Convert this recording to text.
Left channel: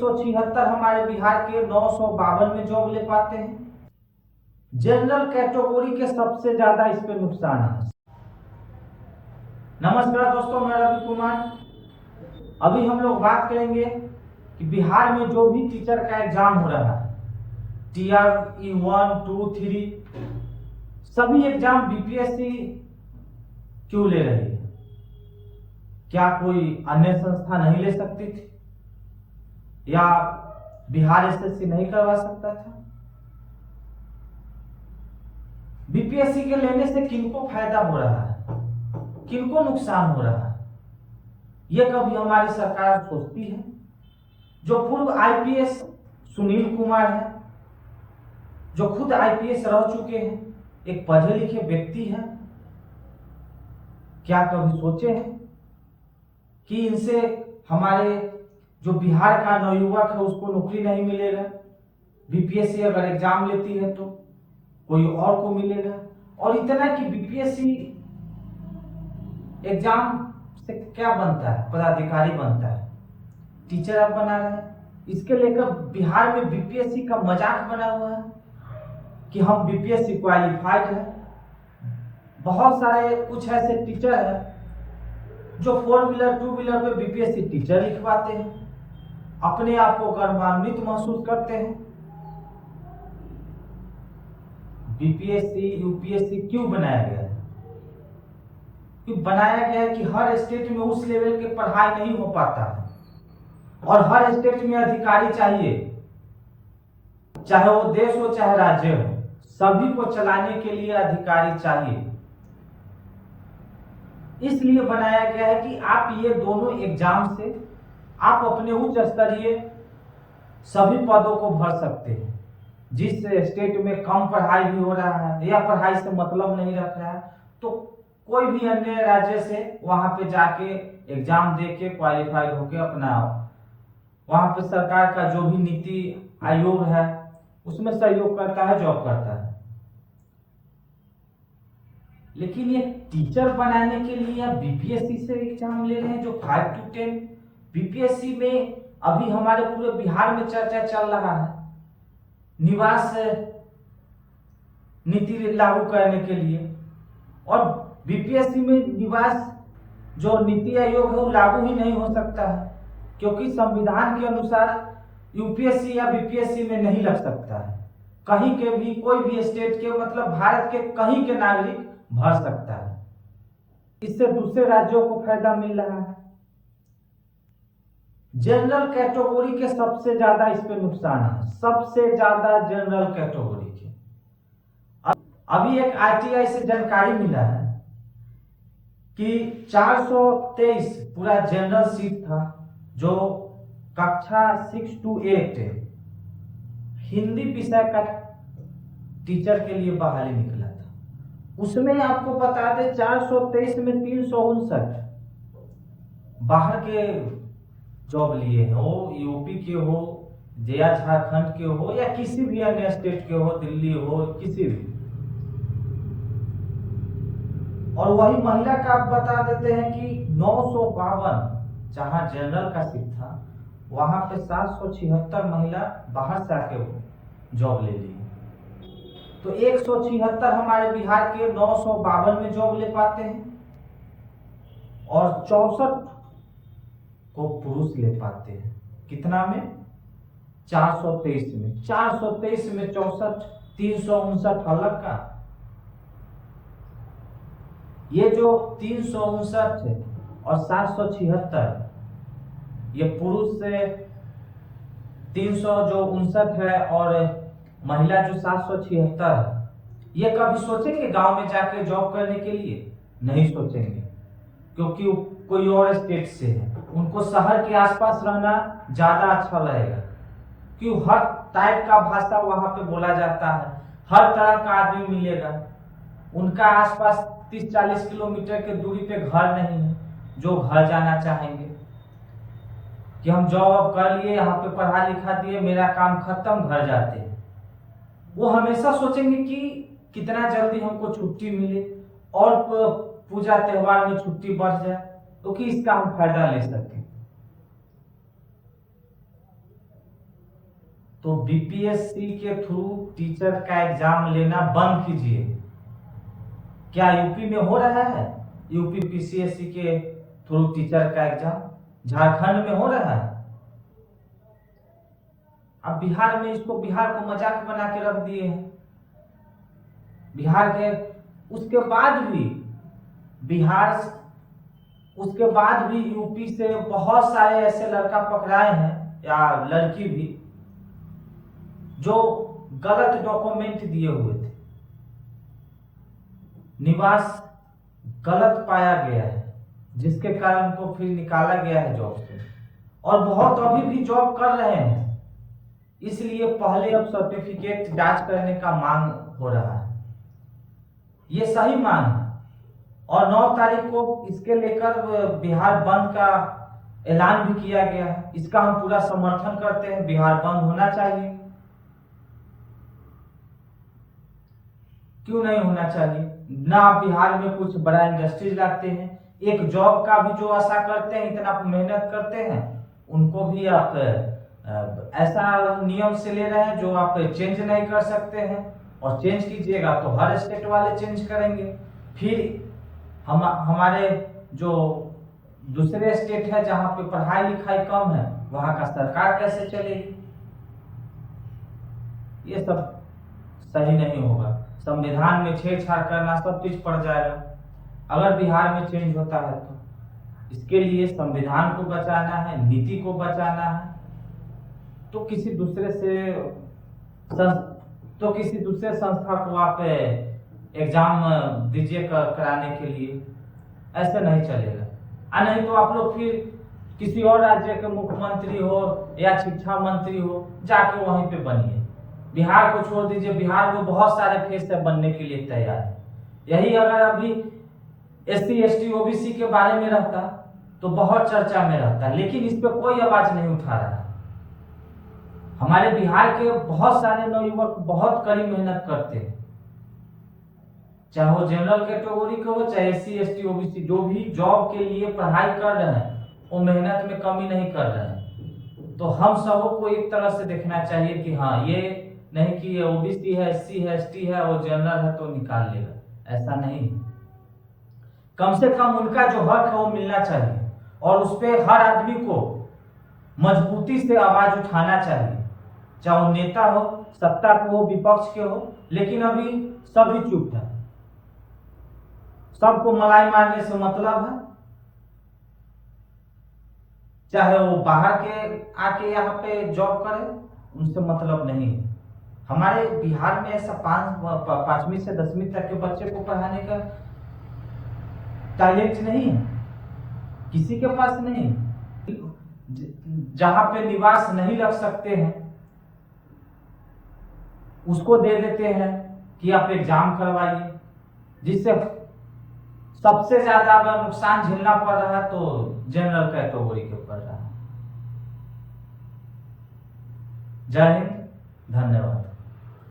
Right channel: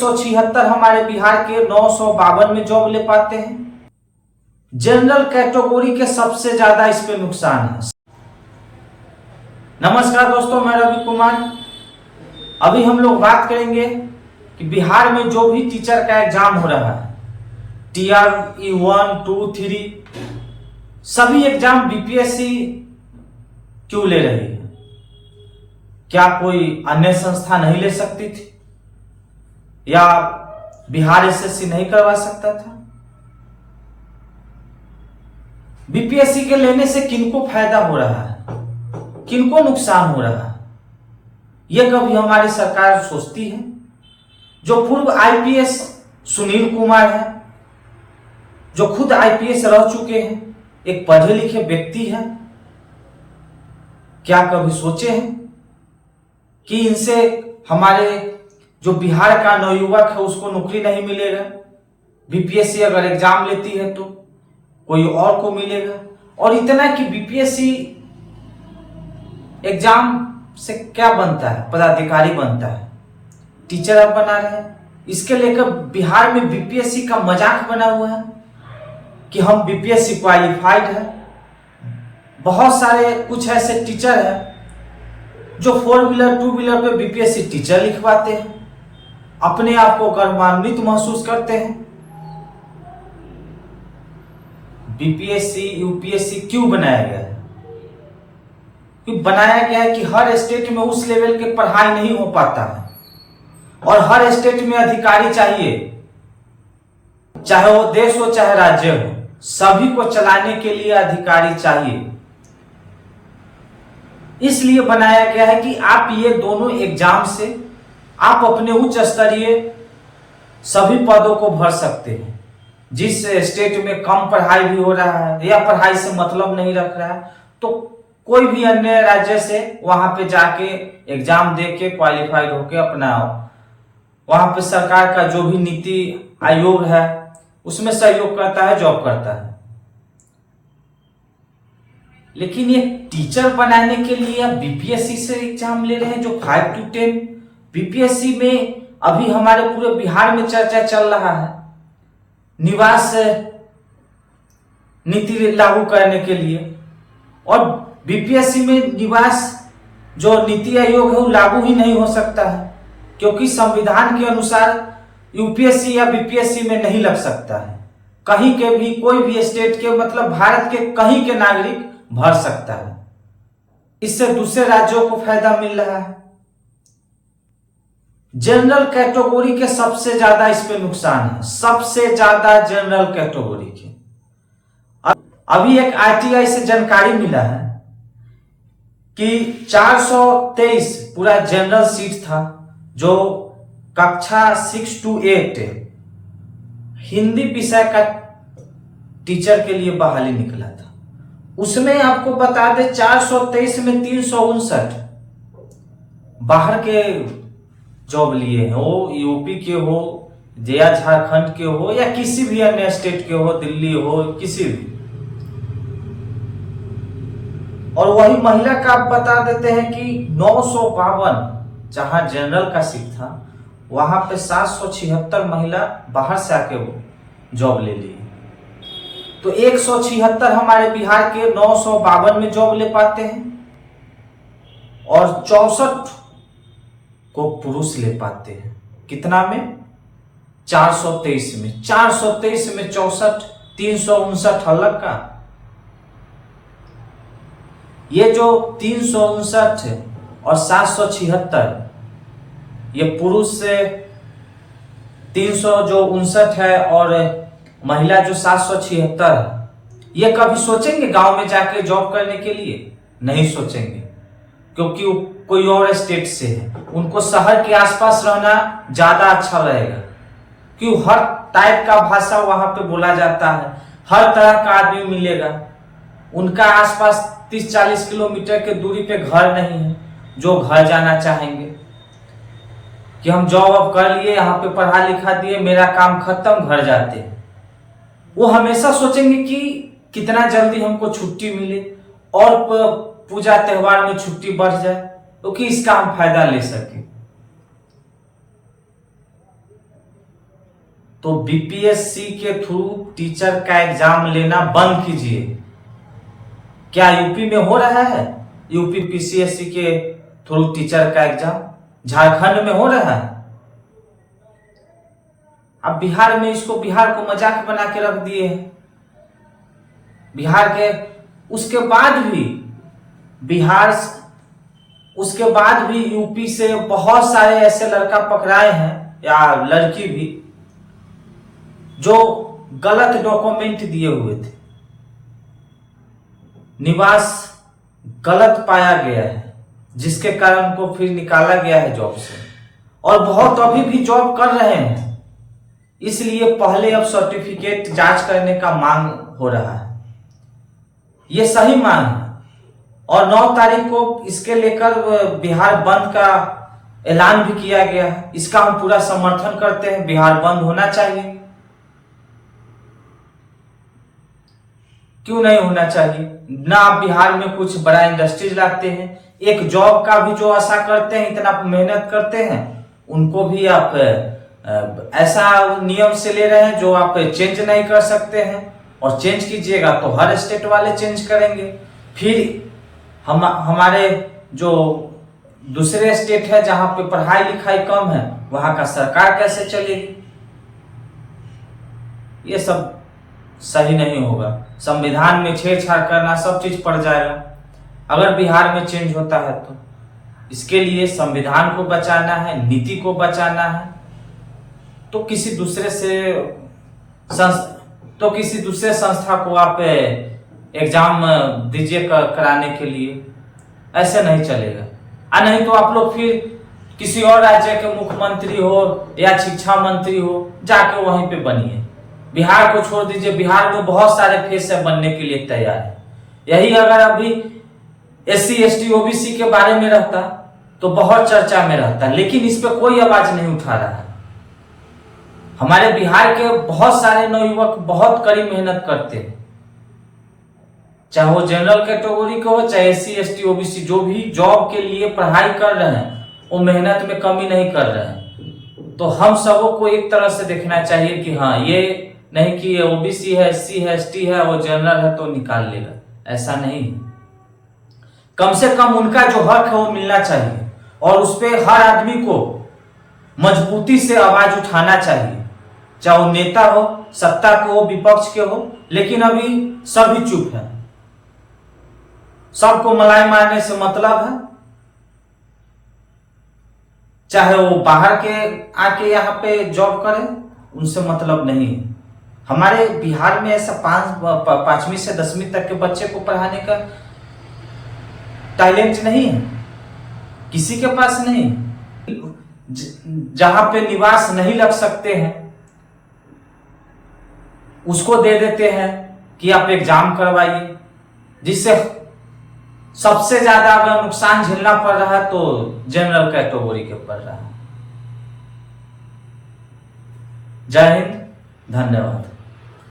176 हमारे बिहार के 952 में जॉब ले पाते हैं। जनरल कैटेगरी के सबसे ज्यादा इस पे नुकसान है। नमस्कार दोस्तों, मैं रवि कुमार। अभी हम लोग बात करेंगे कि बिहार में जो भी टीचर का एग्जाम हो रहा है, TR 1, 2, 3, सभी एग्जाम बीपीएससी क्यों ले रही है? क्या कोई अन्य संस्था नहीं ले सकती थी, या बिहार एसएससी नहीं करवा सकता था? बीपीएससी के लेने से किनको फायदा हो रहा है, किनको नुकसान हो रहा है, यह कभी हमारी सरकार सोचती है? जो पूर्व आईपीएस सुनील कुमार है, जो खुद आईपीएस रह चुके हैं, एक पढ़े लिखे व्यक्ति है, क्या कभी सोचे हैं कि इनसे हमारे जो बिहार का नवयुवक है उसको नौकरी नहीं मिलेगा? बीपीएससी अगर एग्जाम लेती है तो कोई और को मिलेगा। और इतना कि बीपीएससी एग्जाम से क्या बनता है? पदाधिकारी बनता है, टीचर अब बना रहे हैं। इसके लेकर बिहार में बीपीएससी का मजाक बना हुआ है कि हम बीपीएससी क्वालिफाइड है। बहुत सारे कुछ ऐसे टीचर हैं जो 4 व्हीलर 2 व्हीलर पे बीपीएससी टीचर लिखवाते हैं, अपने आप को गर्वान्वित महसूस करते हैं। बीपीएससी यूपीएससी क्यों बनाया गया है? क्यों बनाया गया है कि हर स्टेट में उस लेवल के पढ़ाई नहीं हो पाता है, और हर स्टेट में अधिकारी चाहिए, चाहे वो देश हो चाहे राज्य हो, सभी को चलाने के लिए अधिकारी चाहिए। इसलिए बनाया गया है कि आप ये दोनों एग्जाम से आप अपने उच्च स्तरीय सभी पदों को भर सकते हैं। जिस स्टेट में कम पढ़ाई भी हो रहा है या पढ़ाई से मतलब नहीं रख रहा है, तो कोई भी अन्य राज्य से वहां पे जाके एग्जाम दे के क्वालिफाइड होके अपना वहां पे सरकार का जो भी नीति आयोग है उसमें सहयोग करता है, जॉब करता है। लेकिन ये टीचर बनाने के लिए आप बीपीएससी से एग्जाम ले रहे हैं, जो 5 to 10 बीपीएससी में अभी हमारे पूरे बिहार में चर्चा चल रहा है निवास नीति लागू करने के लिए। और बीपीएससी में निवास जो नीति आयोग है वो लागू ही नहीं हो सकता है, क्योंकि संविधान के अनुसार यूपीएससी या बीपीएससी में नहीं लग सकता है। कहीं के भी कोई भी स्टेट के, मतलब भारत के कहीं के नागरिक भर सकता है। इससे दूसरे राज्यों को फायदा मिल रहा है। जनरल कैटेगरी के सबसे ज्यादा इस पे नुकसान है, सबसे ज्यादा जनरल कैटेगरी के। अभी एक आरटीआई से जानकारी मिला है कि 423 पूरा जनरल सीट था, जो कक्षा 6 to 8 हिंदी विषय का टीचर के लिए बहाली निकला था। उसमें आपको बता दें 423 में 359 बाहर के जॉब लिए हैं, हो यूपी के हो या झारखंड के हो या किसी भी अन्य स्टेट के हो, दिल्ली हो, किसी भी। और वही महिला का आप बता देते हैं कि 952 जहां जनरल का सीट था वहां पे 776 महिला बाहर से आके वो जॉब ले ली। तो 176 हमारे बिहार के 952 में जॉब ले पाते हैं, और 64 को पुरुष ले पाते हैं। कितना में? 423 में। 423 में 64, 359 अलग का। ये जो 359 और 776 ये पुरुष से 359 है, और महिला जो 776 है, ये कभी सोचेंगे गांव में जाके जॉब करने के लिए? नहीं सोचेंगे, क्योंकि वो कोई और स्टेट से है। उनको शहर के आसपास रहना ज्यादा अच्छा रहेगा, क्योंकि हर टाइप का भाषा वहां पे बोला जाता है, हर तरह का आदमी मिलेगा। उनका आसपास 30-40 किलोमीटर के दूरी पे घर नहीं है जो घर जाना चाहेंगे कि हम जॉब अब कर लिए, यहाँ पे पढ़ा लिखा दिए, मेरा काम खत्म, घर जाते हैं। वो हमेशा सोचेंगे कि कितना जल्दी हमको छुट्टी मिले और पूजा त्योहार में छुट्टी बढ़ जाए, क्योंकि इसका हम फायदा ले सके। तो बीपीएससी के थ्रू टीचर का एग्जाम लेना बंद कीजिए। क्या यूपी में हो रहा है यूपी पीसीएससी के थ्रू टीचर का एग्जाम? झारखंड में हो रहा है। अब बिहार में इसको बिहार को मजाक बना के रख दिए हैं। बिहार के उसके बाद भी यूपी से बहुत सारे ऐसे लड़का पकड़ाए हैं या लड़की भी जो गलत डॉक्यूमेंट दिए हुए थे, निवास गलत पाया गया है, जिसके कारण उनको फिर निकाला गया है जॉब से, और बहुत अभी भी जॉब कर रहे हैं। इसलिए पहले अब सर्टिफिकेट जांच करने का मांग हो रहा है। ये सही मांग है और 9 तारीख को इसके लेकर बिहार बंद का ऐलान भी किया गया है। इसका हम पूरा समर्थन करते हैं। बिहार बंद होना चाहिए, क्यों नहीं होना चाहिए ना। आप बिहार में कुछ बड़ा इंडस्ट्रीज लाते हैं, एक जॉब का भी जो आशा करते हैं, इतना मेहनत करते हैं, उनको भी आप ऐसा नियम से ले रहे हैं जो आप चेंज नहीं कर सकते हैं। और चेंज कीजिएगा तो हर स्टेट वाले चेंज करेंगे। फिर हमारे जो दूसरे स्टेट है जहां पे पढ़ाई लिखाई कम है, वहां का सरकार कैसे चलेगी? ये सब सही नहीं होगा। संविधान में छेड़छाड़ करना, सब चीज पड़ जाएगा अगर बिहार में चेंज होता है तो। इसके लिए संविधान को बचाना है, नीति को बचाना है, तो किसी दूसरे संस्था को आप एग्जाम दीजिए कराने के लिए। ऐसे नहीं चलेगा। नहीं तो आप लोग फिर किसी और राज्य के मुख्यमंत्री हो या शिक्षा मंत्री हो, जाके वहीं पे बनिए। बिहार को छोड़ दीजिए। बिहार में बहुत सारे फेस है बनने के लिए तैयार है। यही अगर अभी SC ST OBC के बारे में रहता तो बहुत चर्चा में रहता, लेकिन इस पे कोई आवाज नहीं उठा रहा है। हमारे बिहार के बहुत सारे नवयुवक बहुत कड़ी मेहनत करते हैं, चाहे वो जनरल कैटेगरी के हो, चाहे SC ST OBC, जो भी जॉब के लिए पढ़ाई कर रहे हैं वो मेहनत में कमी नहीं कर रहे हैं। तो हम सबों को एक तरह से देखना चाहिए कि हाँ, ये नहीं कि ये OBC है, SC है, ST है, वो जनरल है तो निकाल लेगा, ऐसा नहीं। कम से कम उनका जो हक है वो मिलना चाहिए और उस पर हर आदमी को मजबूती से आवाज उठाना चाहिए, चाहे वो नेता हो, सत्ता के हो, विपक्ष के हो। लेकिन अभी सभी चुप है, सबको मलाई मारने से मतलब है। चाहे वो बाहर के आके यहाँ पे जॉब करे, उनसे मतलब नहीं है। हमारे बिहार में ऐसा 5वीं से 10वीं तक के बच्चे को पढ़ाने का टैलेंट नहीं है, किसी के पास नहीं। जहां पे निवास नहीं लग सकते हैं उसको दे देते हैं कि आप एग्जाम करवाइए, जिससे सबसे ज्यादा अगर नुकसान झेलना पड़ रहा है तो जनरल कैटेगरी के पड़ रहा है। जय हिंद, धन्यवाद।